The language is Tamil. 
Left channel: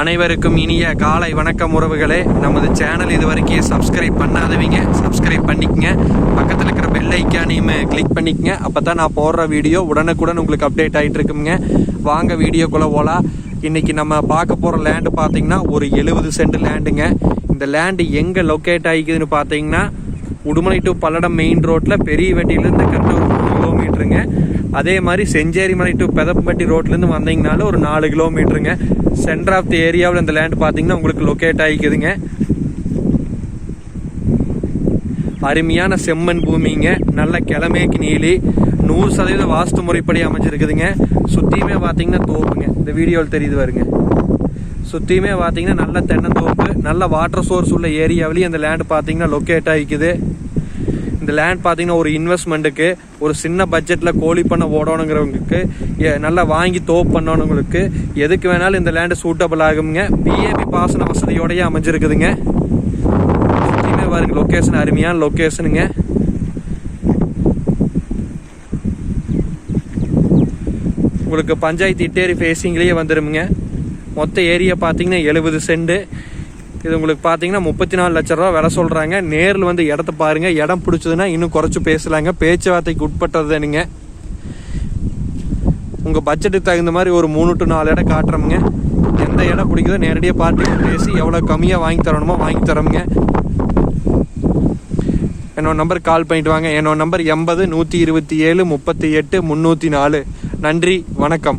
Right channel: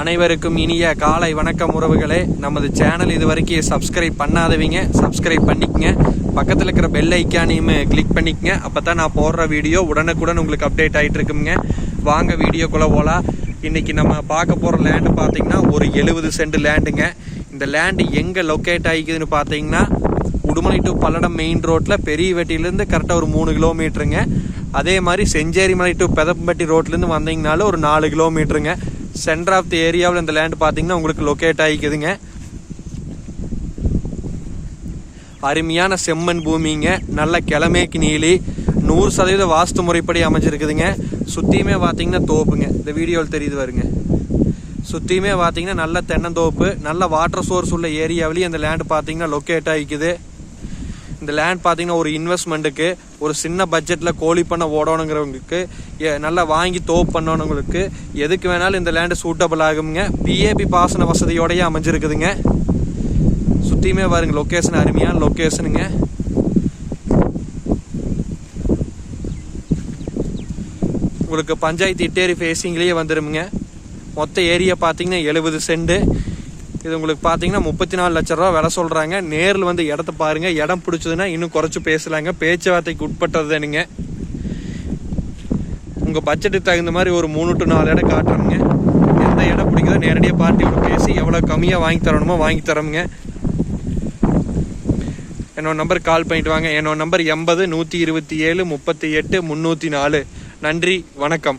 அனைவருக்கும் இனிய காலை வணக்கம் உறவுகளே. நமது சேனல் இது வரைக்கும் சப்ஸ்கிரைப் பண்ணாதவங்க சப்ஸ்கிரைப் பண்ணிக்கங்க. பக்கத்தில் இருக்கிற பெல் ஐக்கானையும் கிளிக் பண்ணிக்கங்க. அப்போ தான் நான் போடுற வீடியோ உடனுக்குடன் உங்களுக்கு அப்டேட் ஆகிட்டு இருக்குங்க. வாங்க வீடியோக்குள்ளே போகலாம் இன்றைக்கி நம்ம பார்க்க போகிற லேண்டு பார்த்தீங்கன்னா ஒரு எழுபது சென்ட் லேண்டுங்க இந்த லேண்டு எங்கே லொக்கேட் ஆகிக்குதுன்னு பார்த்தீங்கன்னா உடுமலை டு பல்லடம் மெயின் ரோட்டில் பெரிய வெட்டியிலேருந்து கரெக்டாக ஒரு மூணு கிலோமீட்டருங்க அதே மாதிரி செஞ்சேரிமலை டு பெதப்பட்டி ரோட்லேருந்து வந்தீங்கனாலும் ஒரு நாலு கிலோமீட்டருங்க சென்டர் ஆஃப் தி ஏரியாவில் இந்த லேண்ட் பார்த்தீங்கன்னா உங்களுக்கு லொக்கேட் ஆகிக்குதுங்க அருமையான செம்மண் பூமிங்க. நல்ல கிழமேக்கு நீலி நூறு சதவீத வாஸ்து முறைப்படி அமைஞ்சிருக்குதுங்க. சுற்றியுமே பார்த்தீங்கன்னா தோப்புங்க. இந்த வீடியோவில் தெரியுது வருங்க சுற்றியுமே பார்த்தீங்கன்னா நல்ல தென்னந்தோப்பு நல்ல வாட்டர் சோர்ஸ் உள்ள ஏரியாவிலேயும் அந்த லேண்ட் பார்த்தீங்கன்னா லொக்கேட் ஆகிக்குது இந்த லேண்ட் பார்த்தீங்கன்னா ஒரு இன்வெஸ்ட்மெண்ட்டுக்கு ஒரு சின்ன பட்ஜெட்டில் கோழி பண்ண ஓடணுங்கிறவங்களுக்கு நல்லா வாங்கி தோப் பண்ணணுங்களுக்கு எதுக்கு வேணாலும் இந்த லேண்டு சூட்டபிள் ஆகுங்க பிஏபி பாசன வசதியோடையே அமைஞ்சிருக்குதுங்க. சுற்றியுமே பாருங்க லொக்கேஷன் அருமையான லொக்கேஷனுங்க உங்களுக்கு பஞ்சாயத்து இட்டேரி ஃபேஸிங்லேயே வந்துடுமுங்க மொத்த ஏரியா பார்த்தீங்கன்னா எழுபது செண்டு இது உங்களுக்கு பார்த்தீங்கன்னா முப்பத்தி நாலு லட்ச ரூபா விலை சொல்கிறாங்க நேரில் வந்து இடத்த பாருங்க. இடம் பிடிச்சதுன்னா இன்னும் குறைச்சி பேசலாங்க. பேச்சுவார்த்தைக்கு உட்பட்டது தானுங்க உங்கள் பட்ஜெட்டுக்கு தகுந்த மாதிரி ஒரு மூணு டு நாலு இடம் காட்டுறோமுங்க. எந்த இடம் பிடிக்குதோ நேரடியாக பார்த்து பேசி எவ்வளோ கம்மியாக வாங்கி தரணுமோ வாங்கி தரோமுங்க. என்னோட நம்பர் கால் பண்ணிட்டு வாங்க. என்னோட நம்பர் எண்பது நூற்றி இருபத்தி ஏழு முப்பத்தி எட்டு முந்நூற்றி நாலு. நன்றி. வணக்கம்.